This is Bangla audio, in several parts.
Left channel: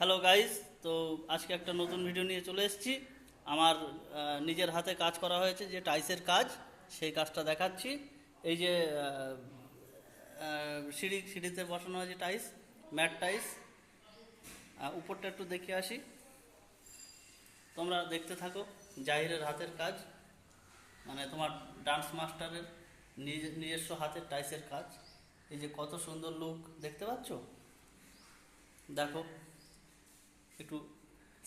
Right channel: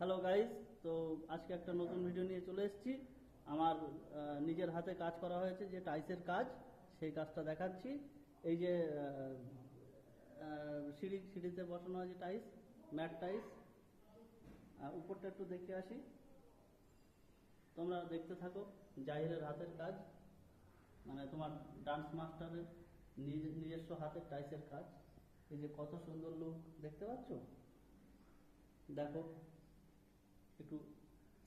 Hello guys. তো আজকে একটা নতুন ভিডিও নিয়ে চলে এসেছি। আমার নিজের হাতে কাজ করা হয়েছে যে টাইসের কাজ, সেই কাজটা দেখাচ্ছি। এই যে সিঁড়িতে বসানো হয়েছে টাইস, ম্যাট টাইস। উপরটা একটু দেখে আসি, তোমরা দেখতে থাকো। জাহিরের হাতের কাজ, মানে তোমার ডান্স মাস্টারের নিজস্ব হাতের টাইসের কাজ। এই যে কত সুন্দর লুক দেখতে পাচ্ছ, দেখো। একটু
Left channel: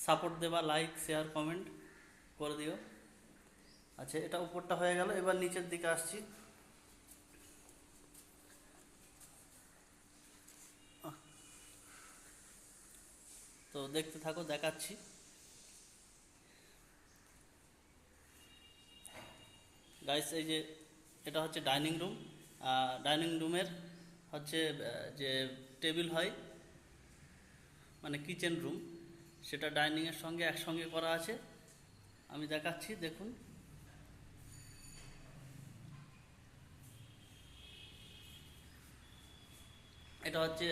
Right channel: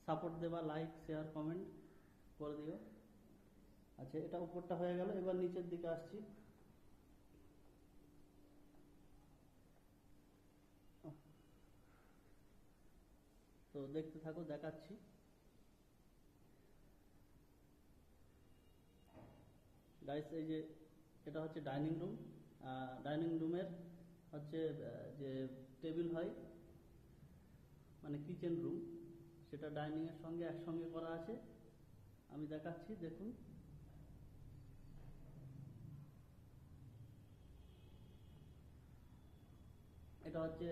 সাপোর্ট দেবা, লাইক শেয়ার কমেন্ট করে দিও। আচ্ছা, এটা উপরটা হয়ে গেল, এবার নিচের দিকে আসছি। তো দেখতে থাকো, দেখাচ্ছি। গাইস, এই যে এটা হচ্ছে ডাইনিং রুম। ডাইনিং রুমের হচ্ছে যে টেবিল হয়, মানে কিচেন রুম, সেটা ডাইনিংয়ের সঙ্গে একসঙ্গে করা আছে। আমি দেখাচ্ছি, দেখুন। এটা হচ্ছে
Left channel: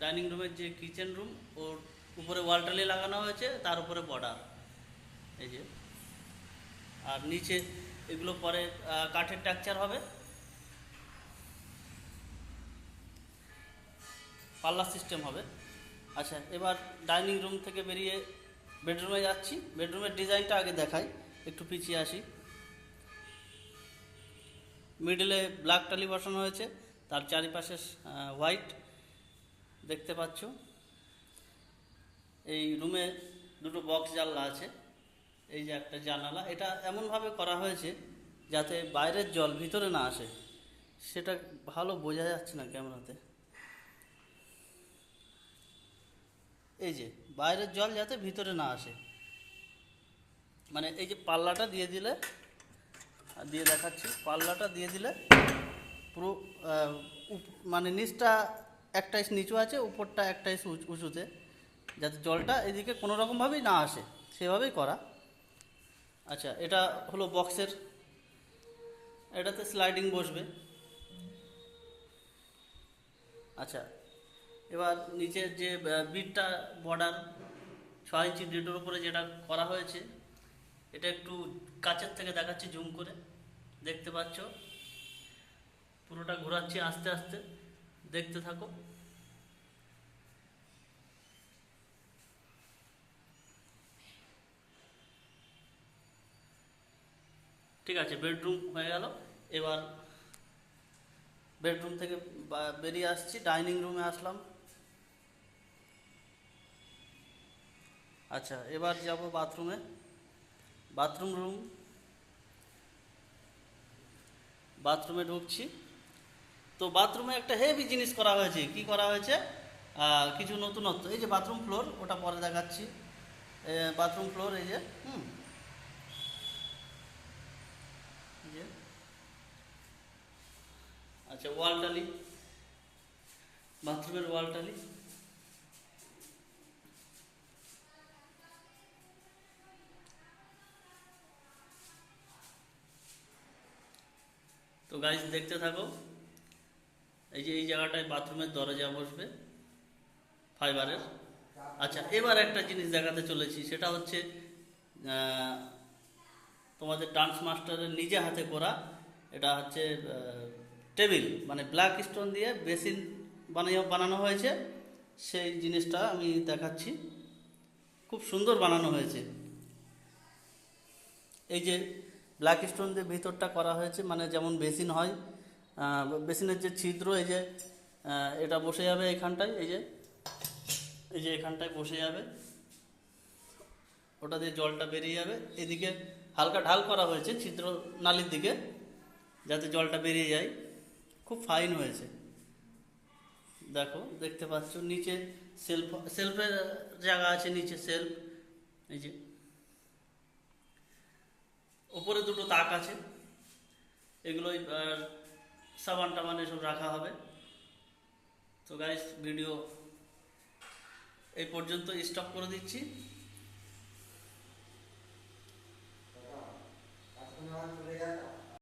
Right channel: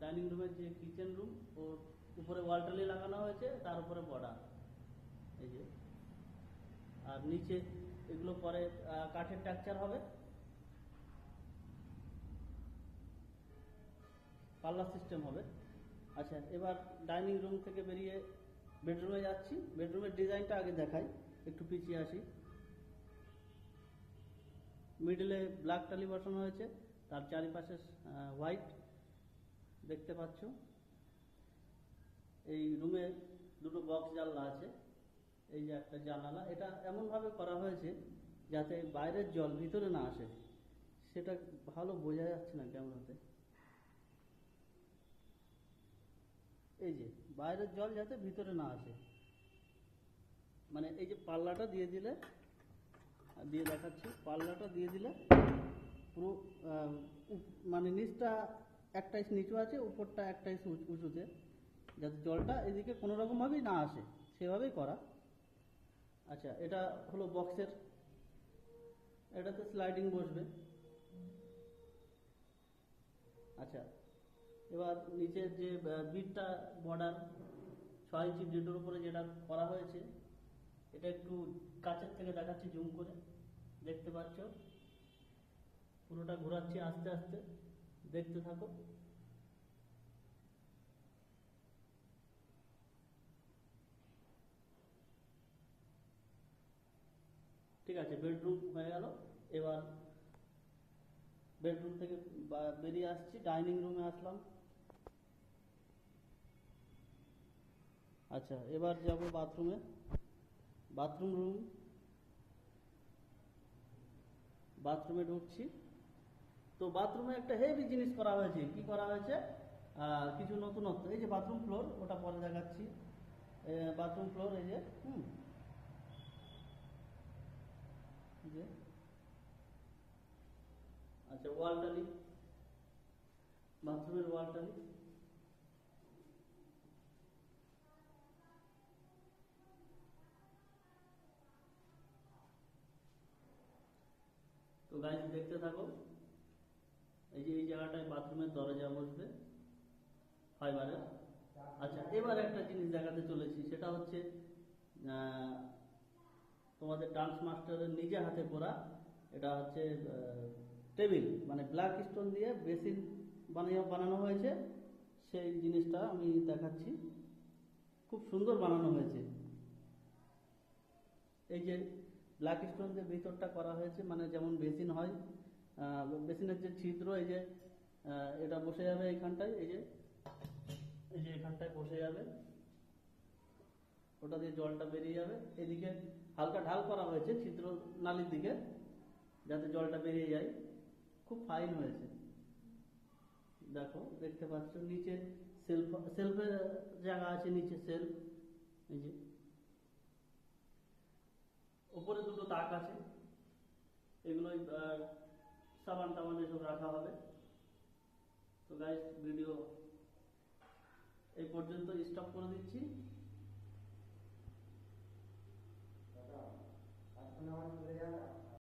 ডাইনিং রুমের যে কিচেন রুম, ওর উপরে ওয়াল টালি লাগানো হয়েছে, তার উপরে বর্ডার, এই যে। আর নিচে এগুলো পরে কাঠের টেক্সচার হবে, পাল্লা সিস্টেম হবে। আচ্ছা, এবার ডাইনিং রুম থেকে বেরিয়ে বেডরুমে যাচ্ছি। বেডরুমের ডিজাইনটা আগে দেখাই, একটু পিছিয়ে আসি। মিডলে ব্ল্যাক টালি বসানো হয়েছে, তার চারিপাশে হোয়াইট দেখতে পাচ্ছ। এই রুমে দুটো বক্স জানলা আছে। এই যে একটা জানালা, এটা এমনভাবে করা হয়েছে যাতে বাইরের জল ভিতরে না আসে। সেটা ভালো বোঝা যাচ্ছে না ক্যামেরাতে। এই যে বাইরের জল যাতে ভিতরে না আসে, মানে এই যে পাল্লাটা দিয়ে দিলে, দিয়ে দেখাচ্ছি, পাল্লাটা দিয়ে দিলে পুরো মানে নিচটা একটা ইঞ্চ নিচু আছে, উপরটা একটা ইঞ্চ উঁচুতে, যাতে জলটা এদিকে কোনো রকমভাবেই না আসে, সেভাবেই করা। আচ্ছা, এটা হলো বক্সের, এটাতে স্লাইডিং বসবে। আচ্ছা, এবার নিচের যে বিটটা বর্ডার 6 ইঞ্চি ডিটোর উপরে যেটা করা হয়েছে, এটা একটু কাছের থেকে দেখাচ্ছি, জুম করে দেখতে পাচ্ছ। পুরোটা ঘোরাচ্ছি আস্তে আস্তে, দেখতে থাকো। ঠিক আছে, বেডরুম হয়ে গেল। এবার বেডরুম থেকে বেরিয়ে আসছি, ডাইনিং রুমে আসলাম। আচ্ছা, এবার যাব বাথরুমে। বাথরুমে ঢুকছি। তো বাথরুমে একটা হেভি জিনিস করা হয়েছে। কি করা হয়েছে? কিছু নতুনত্ব। এই যে বাথরুম ফ্লোর, ওটা পরে দেখাচ্ছি। বাথরুম ফ্লোর, এই যে এই যে। আচ্ছা, ওয়াল টালি, বাথরুমের ওয়াল টালি। তো গাইস, দেখতে থাকো। এই যে এই জায়গাটায় বাথরুমের দরজা বসবে, ফাইবারের। আচ্ছা, এবার একটা জিনিস দেখাতে চলেছি, সেটা হচ্ছে তোমাদের ডান্স মাস্টারের নিজে হাতে করা। এটা হচ্ছে টেবিল, মানে ব্ল্যাক স্টোন দিয়ে বেসিন বানানো হয়েছে। সেই জিনিসটা আমি দেখাচ্ছি, খুব সুন্দর বানানো হয়েছে। এই যে ব্ল্যাক স্টোন দিয়ে ভিতরটা করা হয়েছে, মানে যেমন বেসিন হয়, বেসিনের যে ছিদ্র, এই যে এটা বসে যাবে এখানটায়, এই যে এখানটায় বসে যাবে, ওটা দিয়ে জলটা বেরিয়ে যাবে। এদিকে হালকা ঢাল করা হয়েছে ছিদ্র নালির দিকে, যাতে জলটা বেরিয়ে যায়। খুব ফাইন হয়েছে, দেখো, দেখতে পাচ্ছ। নিচে সেলফের জায়গা আছে, নিচে সেলফ। এই যে ওপরে দুটো তাক আছে, এগুলোই সাবান টাবান এসব রাখা হবে। তো গাইস, ভিডিও এই পর্যন্ত স্টপ করে দিচ্ছি।